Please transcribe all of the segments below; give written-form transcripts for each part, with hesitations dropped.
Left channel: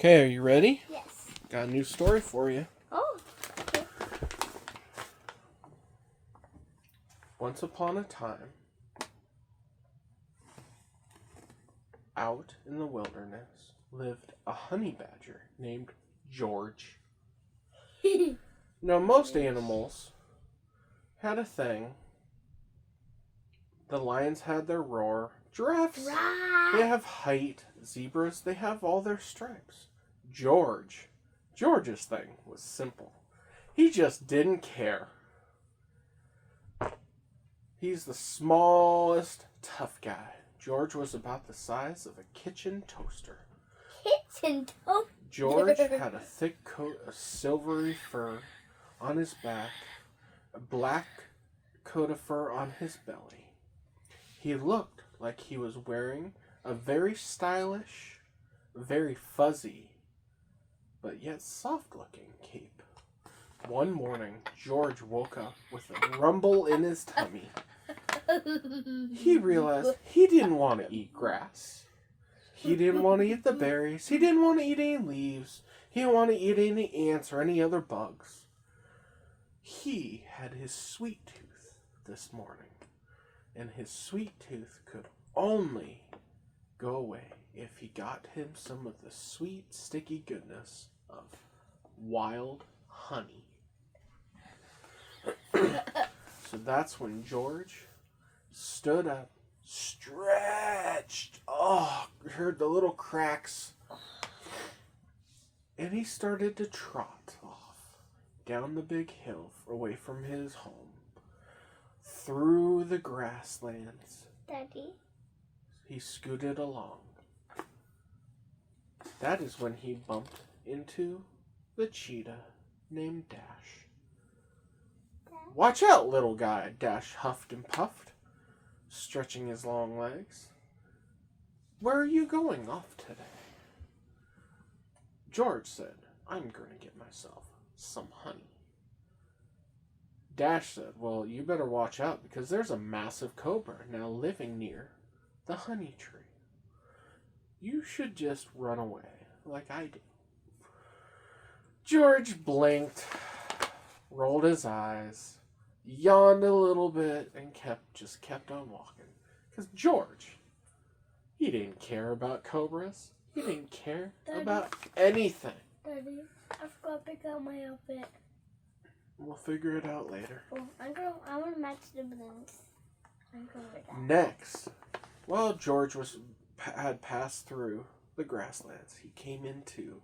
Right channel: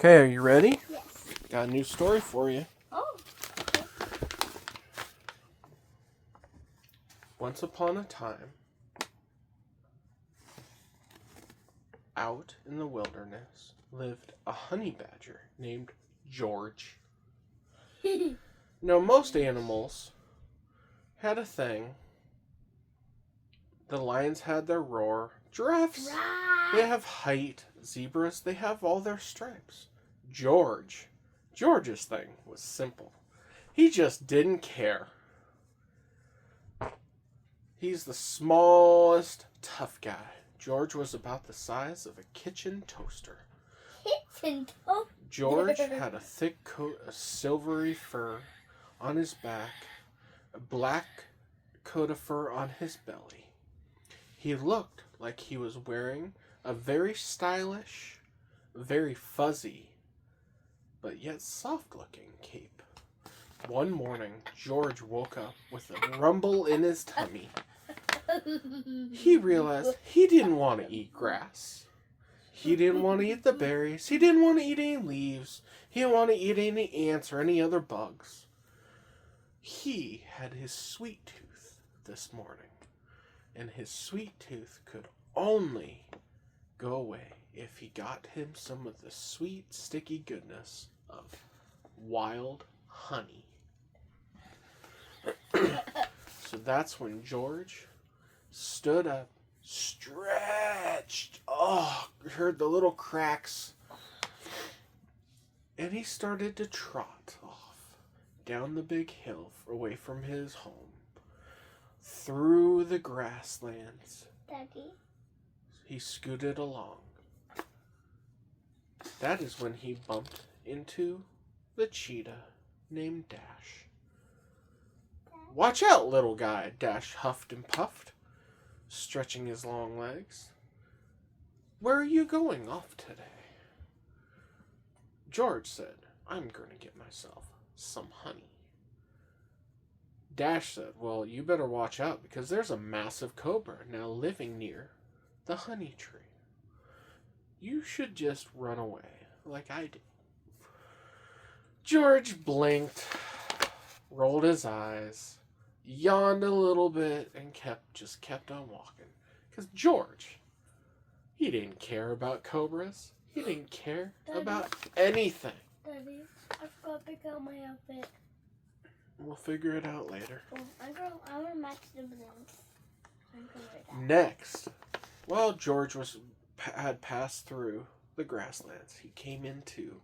Okay, are you ready? Yes. Got a new story for you. Oh, okay. Once upon a time, out in the wilderness, lived a honey badger named George. Now, most animals had a thing. The lions had their roar. Giraffes, they have height. Zebras, they have all their stripes. George's thing was simple. He just didn't care. He's the smallest, tough guy. George was about the size of a kitchen toaster. Kitchen toaster. George had a thick coat of silvery fur on his back, a black coat of fur on his belly. He looked like he was wearing a very stylish, very fuzzy, but yet soft-looking cape. One morning, George woke up with a rumble in his tummy. He realized he didn't want to eat grass. He didn't want to eat the berries. He didn't want to eat any leaves. He didn't want to eat any ants or any other bugs. He had his sweet tooth this morning, and his sweet tooth could only go away if he got him some of the sweet, sticky goodness of wild honey. So that's when George stood up, stretched, heard the little cracks, and he started to trot off down the big hill away from his home, through the grasslands. Daddy. He scooted along. That is when he bumped into the cheetah named Dash. "Watch out, little guy," Dash huffed and puffed, stretching his long legs. "Where are you going off today?" George said, "I'm going to get myself some honey." Dash said, "Well, you better watch out because there's a massive cobra now living near the honey tree. You should just run away like I did." George blinked, rolled his eyes, yawned a little bit, and kept on walking. Because George, he didn't care about cobras. He didn't care about anything. Daddy, I forgot to pick out my outfit. We'll figure it out later. Well, I want to match the balloons. I'm going to wear that. Next, while George had passed through the grasslands, he came into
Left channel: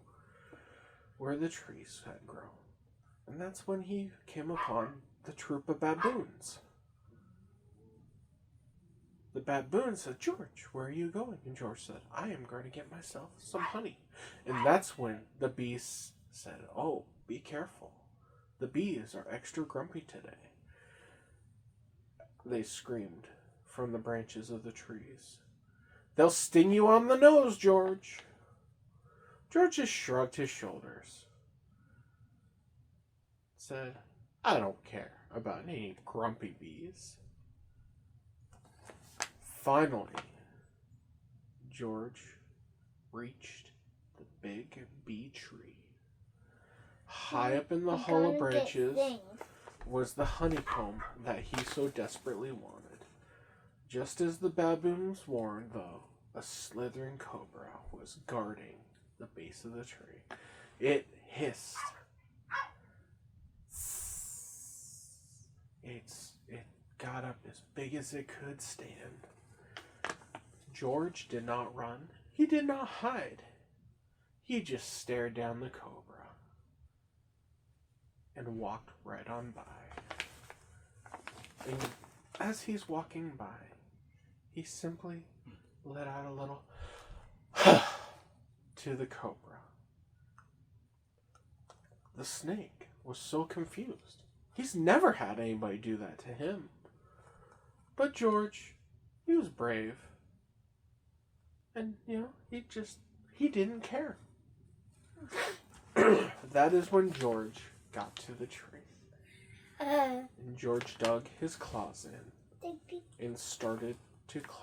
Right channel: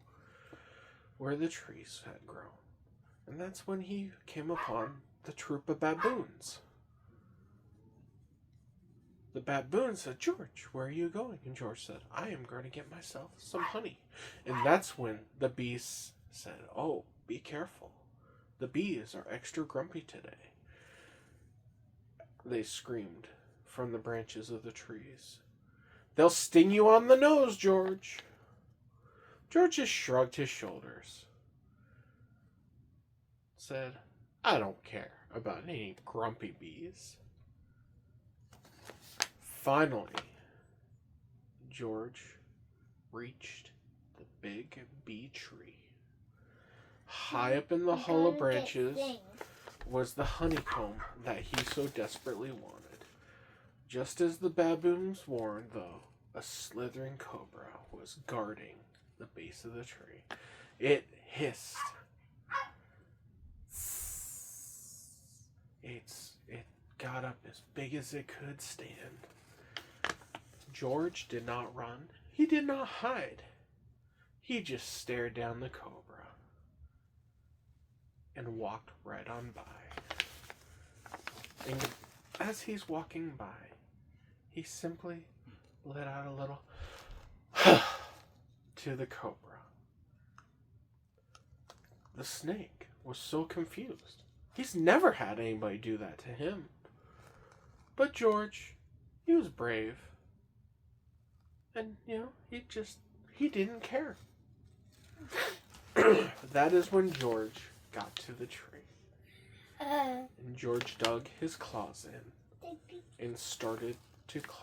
where the trees had grown. And that's when he came upon the troop of baboons. The baboon said, "George, where are you going?" And George said, "I am going to get myself some honey." And that's when the bees said, "Oh, be careful. The bees are extra grumpy today." They screamed from the branches of the trees. "They'll sting you on the nose, George." George just shrugged his shoulders. Said, "I don't care about any grumpy bees." Finally, George reached the big bee tree. High up in the hollow branches was the honeycomb that he so desperately wanted. Just as the baboons warned, though, a slithering cobra was guarding the base of the tree. It hissed. It got up as big as it could stand. George did not run. He did not hide. He just stared down the cobra and walked right on by. And as he's walking by, he simply let out a little to the cobra. The snake was so confused. He's never had anybody do that to him. But George, he was brave. And, he didn't care. That is when George got to the tree. And George dug his claws in and started to climb.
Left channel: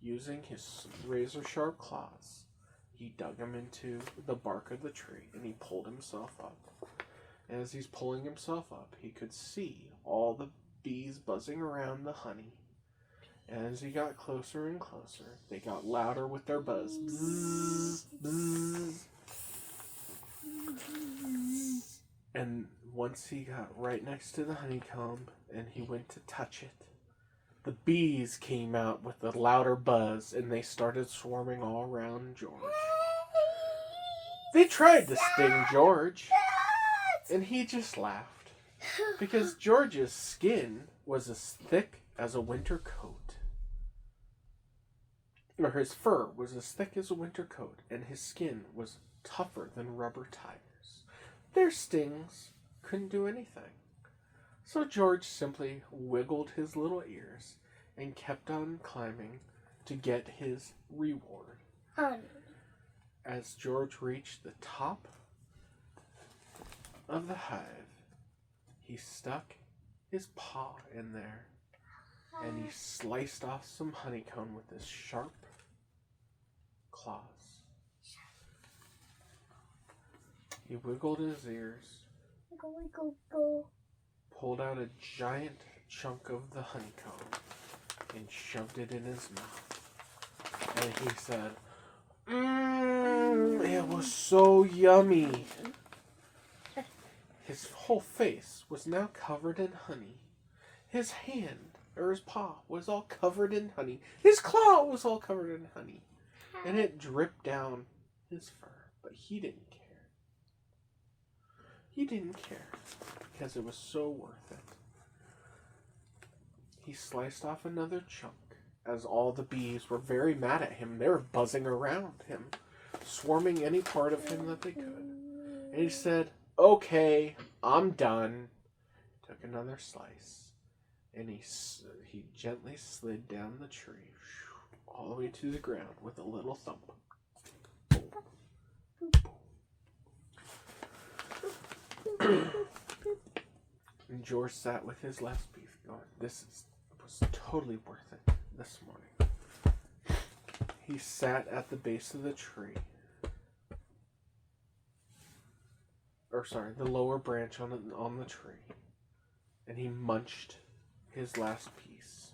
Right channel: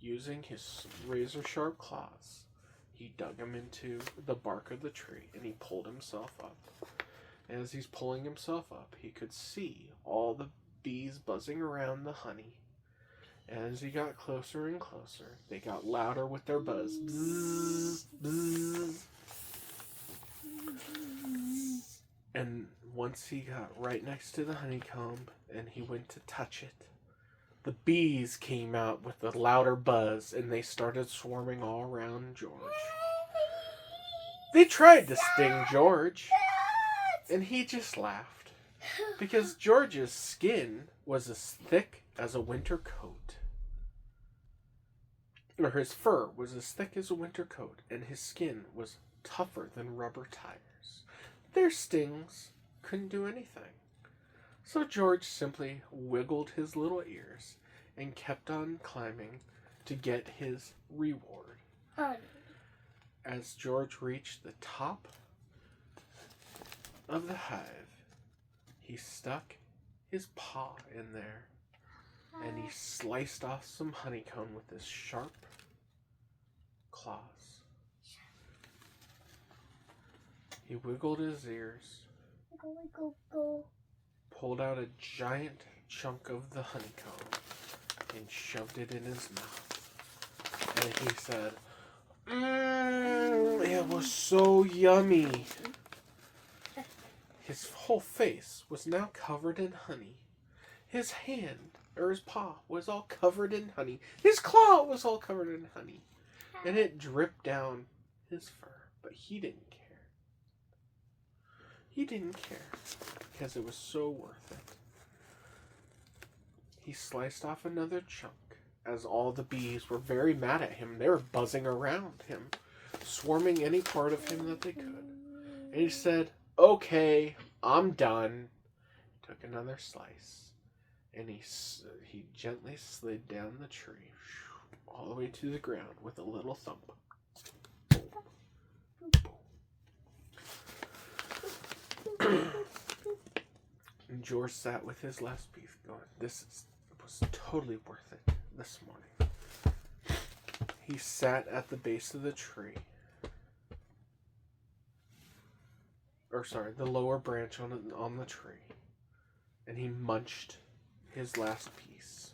Using his razor-sharp claws, he he dug him into the bark of the tree and he pulled himself up. And as he's pulling himself up, he could see all the bees buzzing around the honey. And as he got closer and closer, they got louder with their buzz. Bzzz, bzzz. And once he got right next to the honeycomb and he went to touch it, the bees came out with a louder buzz and they started swarming all around George. They tried to sting George, and he just laughed because George's skin was as thick as a winter coat. Or his fur was as thick as a winter coat, and his skin was tougher than rubber tires. Their stings couldn't do anything. So George simply wiggled his little ears and kept on climbing to get his reward. As George reached the top of the hive, he stuck his paw in there and he sliced off some honeycomb with his sharp claws. He wiggled his ears, pulled out a giant chunk of the honeycomb, and shoved it in his mouth. And he said, it was so yummy. His whole face was now covered in honey. His hand, or his paw, was all covered in honey. His claw was all covered in honey. And it dripped down his fur. But he didn't care. He didn't care because it was so worth it. He sliced off another chunk as all the bees were very mad at him. They were buzzing around him, swarming any part of him that they could. And he said, okay, I'm done. He took another slice and he gently slid down the tree all the way to the ground with a little thump. And George sat with his last piece going, was totally worth it this morning. He sat at the base of the tree. The lower branch on the tree. And he munched his last piece.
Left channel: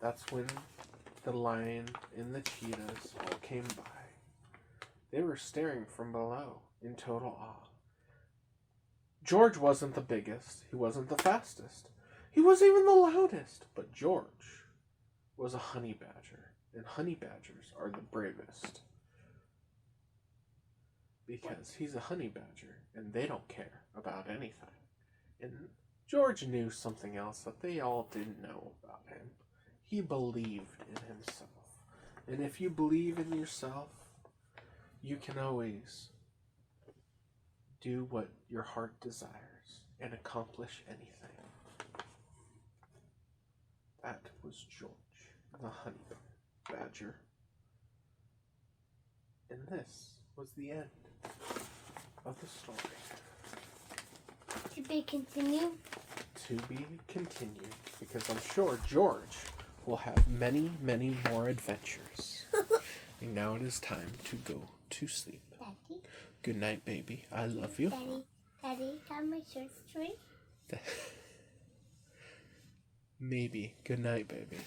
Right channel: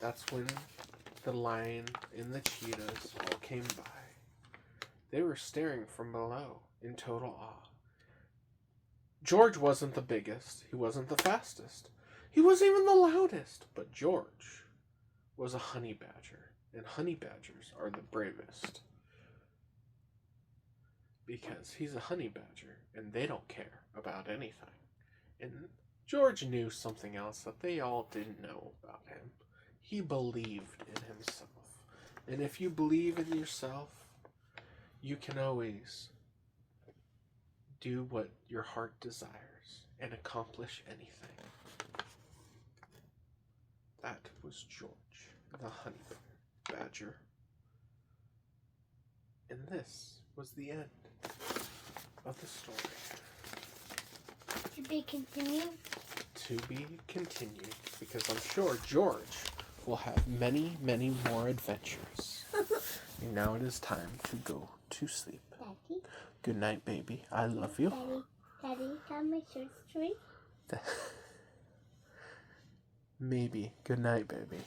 That's when the lion and the cheetahs all came by. They were staring from below in total awe. George wasn't the biggest. He wasn't the fastest. He wasn't even the loudest. But George was a honey badger. And honey badgers are the bravest. Because he's a honey badger and they don't care about anything. And George knew something else that they all didn't know about him. He believed in himself. And if you believe in yourself, you can always do what your heart desires and accomplish anything. That was George, the honey badger. And this was the end of the story. To be continued. To be continued, because I'm sure George will have many, many more adventures. And now it is time to go to sleep. Daddy. Good night, baby. I love you. Daddy, how much your tree? Maybe. Good night, baby.